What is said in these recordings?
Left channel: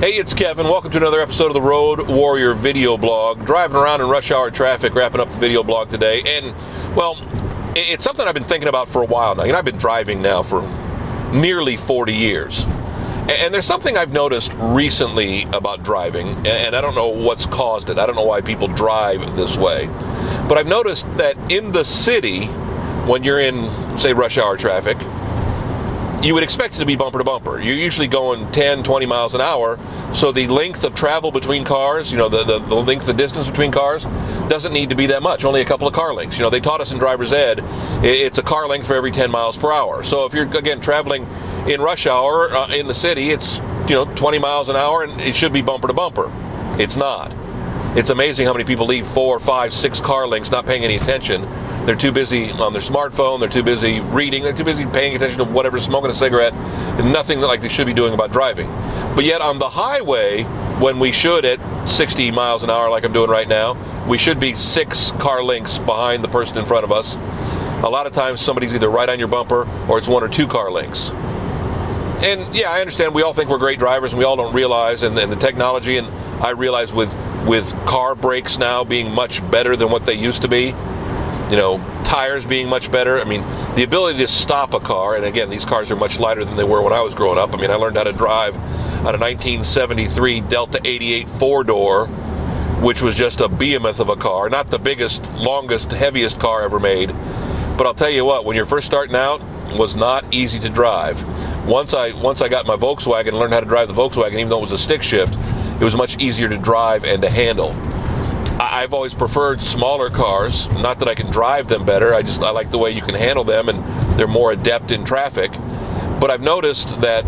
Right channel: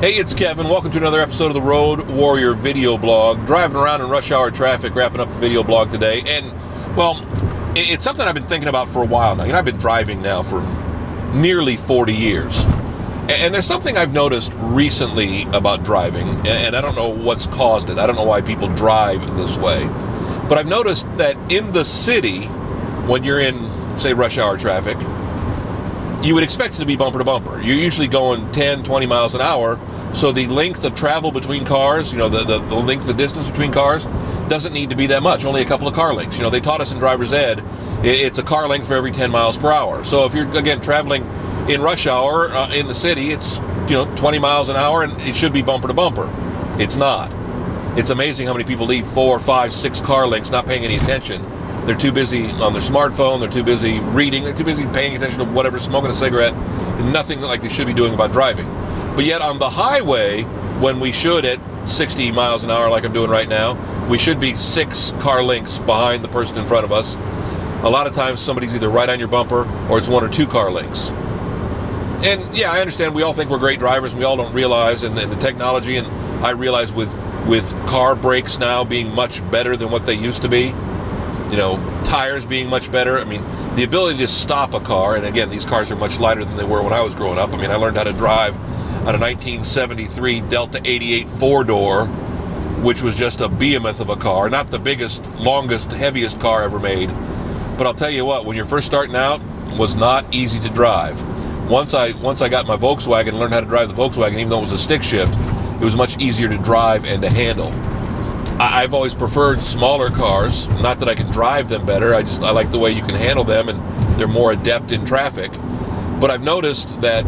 Hey, it's Kevin. Welcome to another episode of the Road Warrior video blog. Driving around in rush hour traffic, wrapping up the video blog today. And, well, it's something I've been thinking about for a while now. I've been driving now for nearly 40 years. And there's something I've noticed recently about driving, and I don't know what's caused it. I don't know why people drive this way. But I've noticed that in the city, when you're in, say, rush hour traffic, you would expect it to be bumper to bumper. You're usually going 10, 20 miles an hour, so the length of travel between cars, the length of distance between cars, doesn't need to be that much, only a couple of car lengths. They taught us in driver's ed, it's a car length for every 10 miles per hour. So if you're, again, traveling in rush hour in the city, it's, 20 miles an hour, and it should be bumper to bumper. It's not. It's amazing how many people leave 4, 5, 6 car lengths not paying any attention. They're too busy on their smartphone, they're too busy reading, they're too busy paying attention to whatever, smoking a cigarette, and nothing like they should be doing about driving. But yet on the highway, when we should at 60 miles an hour like I'm doing right now, we should be 6 car lengths behind the person in front of us. A lot of times somebody's either right on your bumper or it's 1 or 2 car lengths. And yeah, I understand we all think we're great drivers and we all don't realize, and the technology, and I realize with car brakes now being much better than what they used to be, tires being much better. I mean, the ability to stop a car, and again, these cars are much lighter than they were when I was growing up. I mean, I learned how to drive on a 1973 Delta 88 4-door, which was just a behemoth of a car, not the biggest, longest, heaviest car ever made. But I'll tell you what, when you're first starting out, it was not easy to drive. Once I got my Volkswagen and learned how to drive the Volkswagen, even though it was a stick shift, it was much easier to drive and to handle. I've always preferred smaller cars, not that I can drive them better, I like the way you can handle them and they're more adept in traffic. But I've noticed that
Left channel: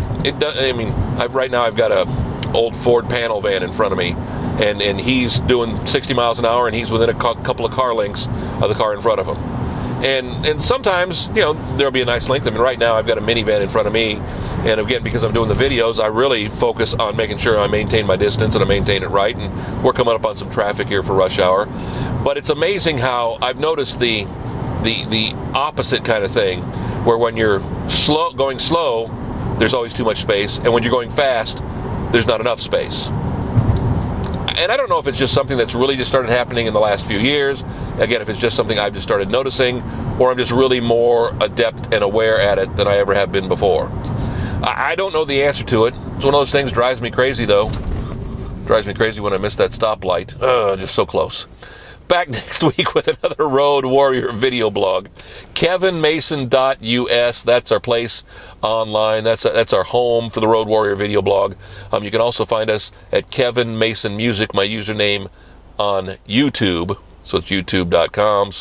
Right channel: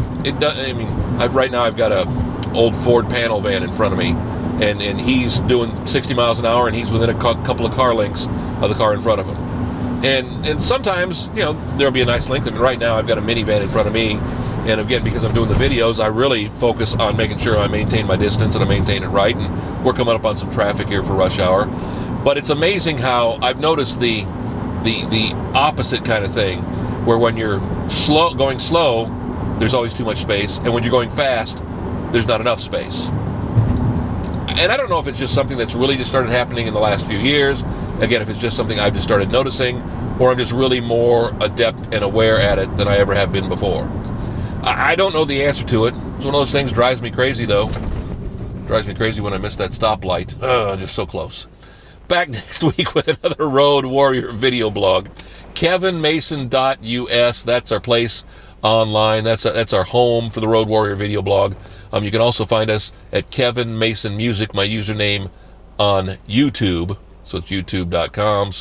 right now I've got a old Ford panel van in front of me, and he's doing 60 miles an hour and he's within a couple of car lengths of the car in front of him. And sometimes, there'll be a nice length. I mean, right now I've got a minivan in front of me, and again, because I'm doing the videos, I really focus on making sure I maintain my distance and I maintain it right, and we're coming up on some traffic here for rush hour. But it's amazing how I've noticed the opposite kind of thing, where when you're going slow, there's always too much space, and when you're going fast, there's not enough space. And I don't know if it's just something that's really just started happening in the last few years. Again, if it's just something I've just started noticing, or I'm just really more adept and aware at it than I ever have been before. I don't know the answer to it. It's one of those things, drives me crazy though. Drives me crazy when I miss that stoplight. Just so close. Back next week with another Road Warrior video blog. KevinMason.us, that's our place online. That's our home for the Road Warrior video blog. You can also find us at Kevin Mason Music, my username on YouTube. So it's youtube.com/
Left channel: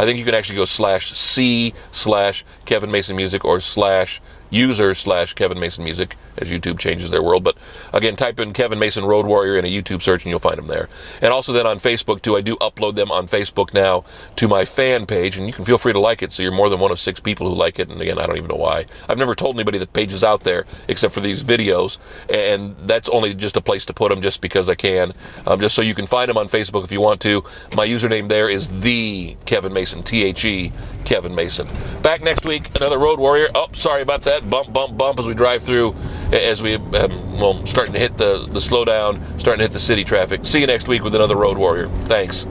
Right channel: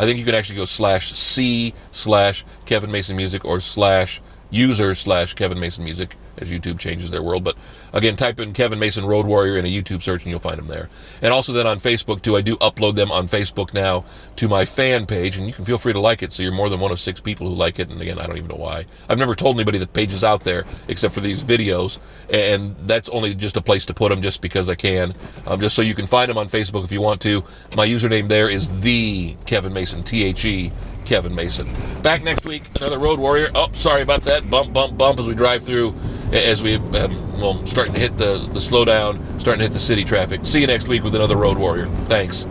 I think you can actually go /C/Kevin Mason Music or /user/Kevin Mason Music as YouTube changes their world. But again, type in Kevin Mason Road Warrior in a YouTube search and you'll find them there. And also then on Facebook too, I do upload them on Facebook now to my fan page, and you can feel free to like it, so you're more than one of 6 people who like it. And again, I don't even know why. I've never told anybody the page is out there except for these videos, and that's only just a place to put them just because I can, just so you can find them on Facebook if you want to. My username there is the Kevin Mason, THE Kevin Mason. Back next week, another Road Warrior. Oh, sorry about that. Bump, bump, bump as we drive through, as we, starting to hit the slowdown, starting to hit the city traffic. See you next week with another Road Warrior. Thanks.